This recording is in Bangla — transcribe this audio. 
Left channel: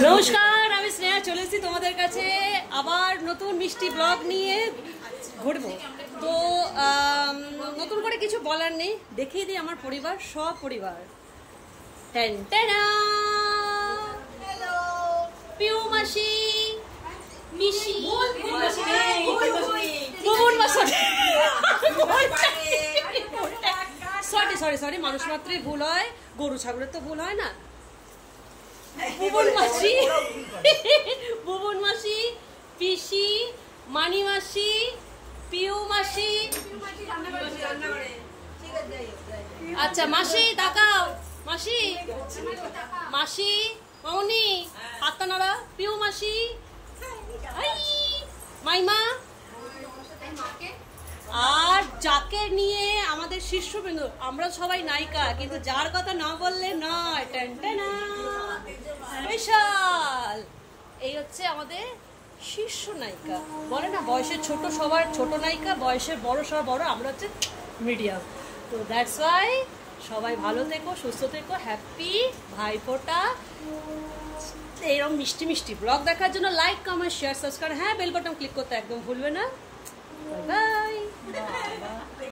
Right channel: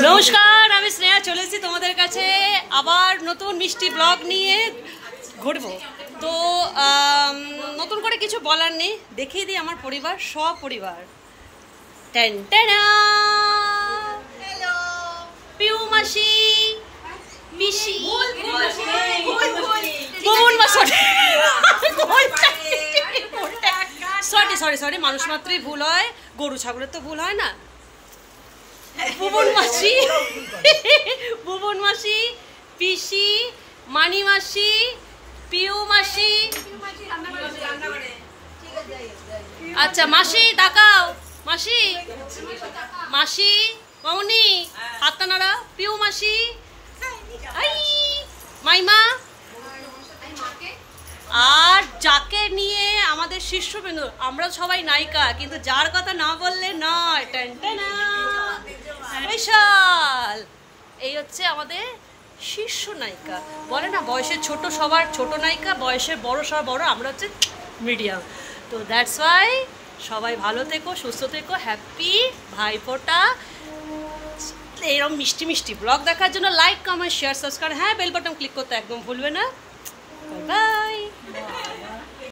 নমস্কার, আমি স্নেহা চলে এসেছি তোমাদের কাছে আবার নতুন মিষ্টি ব্লগ নিয়ে ঘুরবো। তো নতুন করে কিছু বলার নেই, দেখিয়ে দিই আমার পরিবার, সব পরিবার। হ্যালো পিউ মাসি, মিশি, সরি মানুষ মাত্রই ভুল হয়, গরু ছাগলের তো ভুল হয় না। ভুবন মাসি, পিসি, মানি মাসি, পিউ মাসি। আচ্ছা মাসি তাকাও, মাসি মাসি মামনি হাতটা নাড়া, পিউ মাসি, মাইমা। আর যাকে নিয়ে আমাদের শীর্ষবিন্দু, আমরা সবাই নায়িকা, কিন্তু যার কথা না বললে নয়, বিশাল। এই হচ্ছে আমাদের শীর্ষ নায়িকা। বলে না বয়সের ছোট সবার ছোট নায়িকা, বয়সের বড় সবার বড়, আমরা হচ্ছে মিডিয়াম। তো দ্যাটস ওয়াই সবাই ভালো থেকো, সুস্থ থেকো, হ্যাপি ভাইফোঁটা। এরকম মিষ্টি মিষ্টি ব্লগ দেখার জন্য লাইক, কমেন্ট, শেয়ার, সাবস্ক্রাইব, হ্যাঁ বেল বাটন ক্লিক করতে একদম ভুলবে না। Bye bye.